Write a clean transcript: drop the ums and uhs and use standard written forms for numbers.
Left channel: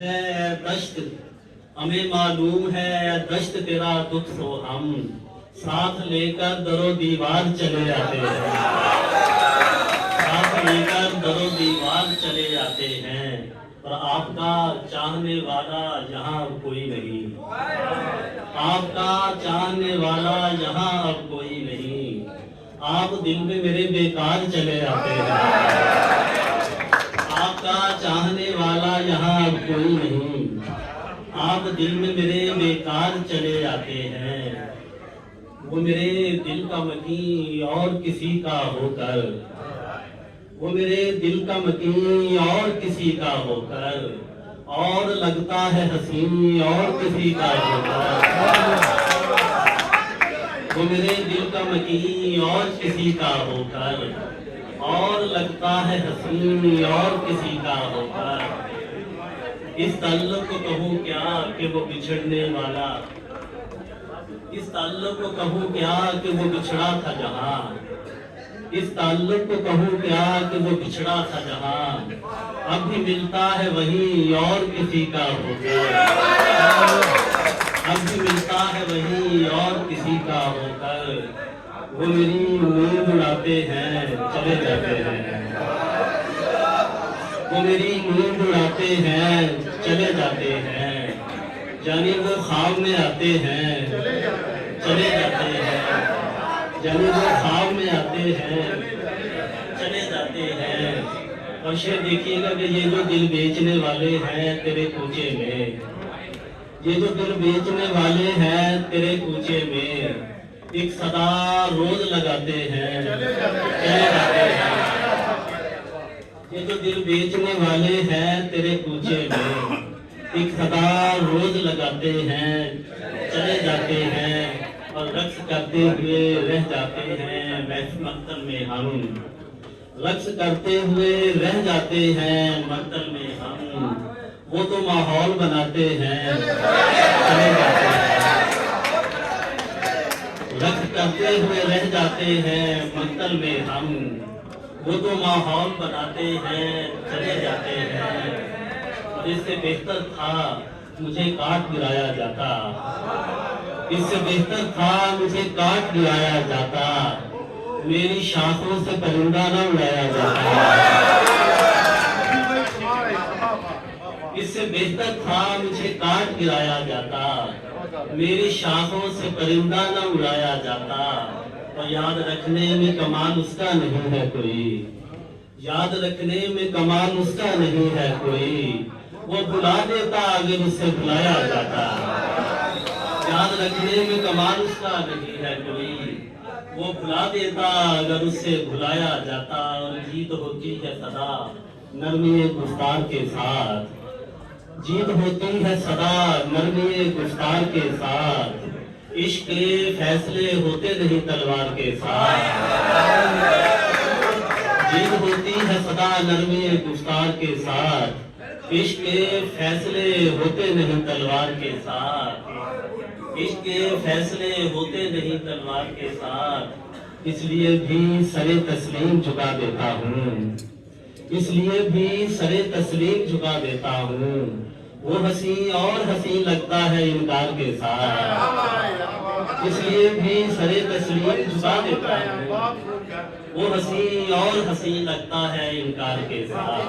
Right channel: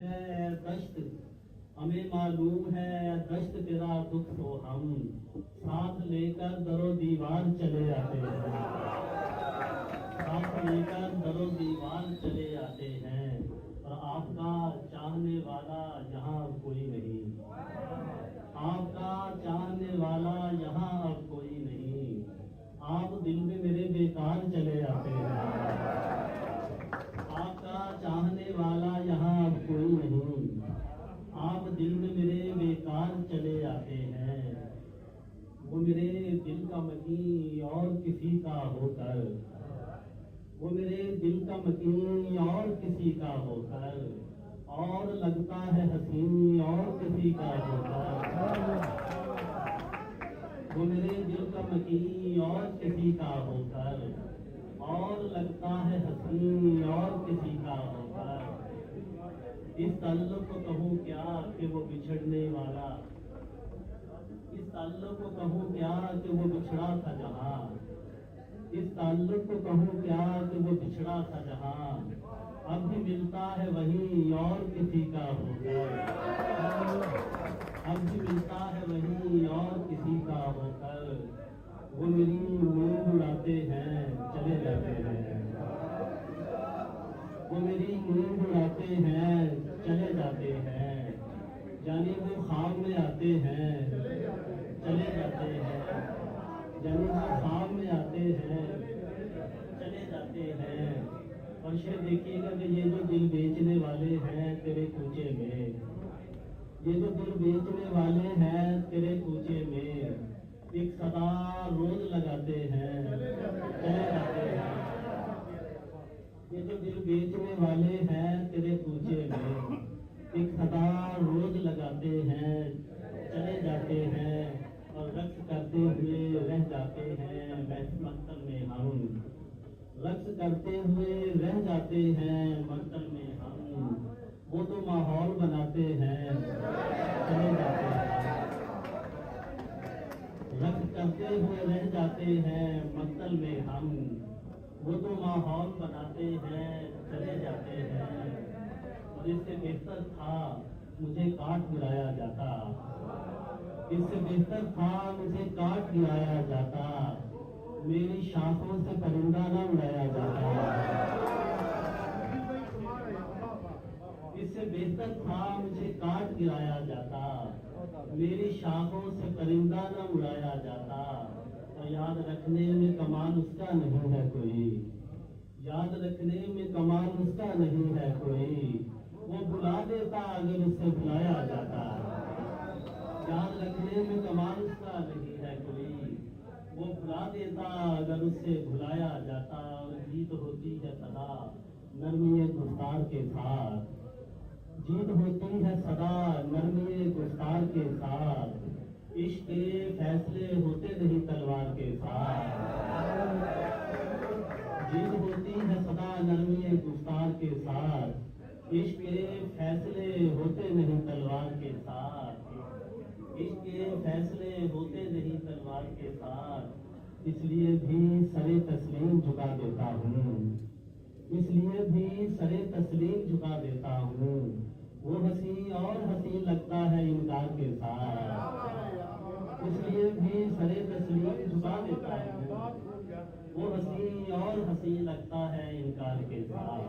है दश्त, हमें मालूम है दश्त तेरा दुख सो हम साथ लेकर दरो दीवार चले जाते हैं, साथ लेकर दरो दीवार चले जाते हैं। पर आपका चाहने वाला यहाँ अब कोई नहीं, आपका चाहने वाला यहाँ अब कोई नहीं। आप दिल में मेरे बेकार चले जाते हैं, आपका चाहने वाला यहाँ अब कोई नहीं। आप दिल में मेरे बेकार चले जाते हैं। वो मेरे दिल का मकीन और किसी का होकर, वो मेरे दिल का मकीन और किसी का होकर, और लगता है हसीन और किसी का होकर। वो मेरे दिल का मकीन और किसी का होकर, और लगता है हसीन और किसी का होकर। इस ताल्लुक को कहूँ क्या कि वो बिछड़ने वाला, इस ताल्लुक को कहूँ क्या कि वो बिछड़ा था जहाँ, इस ताल्लुक को कहूँ क्या कि वो बिछड़ा था जहाँ। अब भी मिलता है वही और किसी का होकर, अब भी मिलता है वही और किसी का होकर। वो मेरी नींद उड़ाते हैं चले जाते हैं, वो मेरी नींद उड़ाते हैं चले जाते हैं। जाने वो ख्वाब में आते हैं चले जाते हैं, जाने वो ख्वाब में आते हैं चले जाते हैं। और शेर देखिएगा कि ये जो दिल बेचने वाले हैं तेरे कूचे में, ये जो दिल बेचने वाले हैं तेरे कूचे में, एक सदा रोज लगाते हैं चले जाते हैं। ये जो दिल बेचने वाले हैं तेरे कूचे में, एक सदा रोज लगाते हैं चले जाते हैं। और रक्स करते हुए रह जाते हैं मक्तल में हम, रक्स करते हुए रह जाते हैं मक्तल में हम। वो तो माहौल बनाते हैं चले जाते हैं, रक्स करते हुए रह जाते हैं मक्तल में हम। वो तो माहौल बनाते हैं चले जाते हैं। और इससे बेहतर था मुझे काट गिराया जाता, इससे बेहतर था मुझे काट गिराया जाता। मेरी शाखों से परिंदा न उड़ाया जाता, इससे बेहतर था मुझे काट गिराया जाता। मेरी शाखों से परिंदा न उड़ाया जाता। और याद रखने में कमाल उसका नहीं है कोई, याद रखने में कमाल उसका नहीं है कोई। वो भुला देता अगर उससे भुलाया जाता, याद रखने में कमाल उसका नहीं है कोई। वो भुला देता अगर उससे भुलाया जाता। और जीत होती है सदा नरमी गुफ्तार के साथ, जीत होती है सदा नरमी गुफ्तार के साथ। इश्क के फैसले होते नहीं तलवार के साथ, जीत होती है सदा नरमी गुफ्तार के साथ। इश्क के फैसले होते नहीं तलवार के साथ, इश्क के फैसले होते नहीं तलवार के साथ। इसलिए भी सरे तस्लीम झुका देता हूँ, इसलिए भी सरे तस्लीम झुका देता हूँ। वो हंसी और हंसी लगता है इनकार के साथ, इसलिए भी सरे तस्लीम झुका देता हूँ। वो हंसी और हंसी लगता है इनकार के साथ।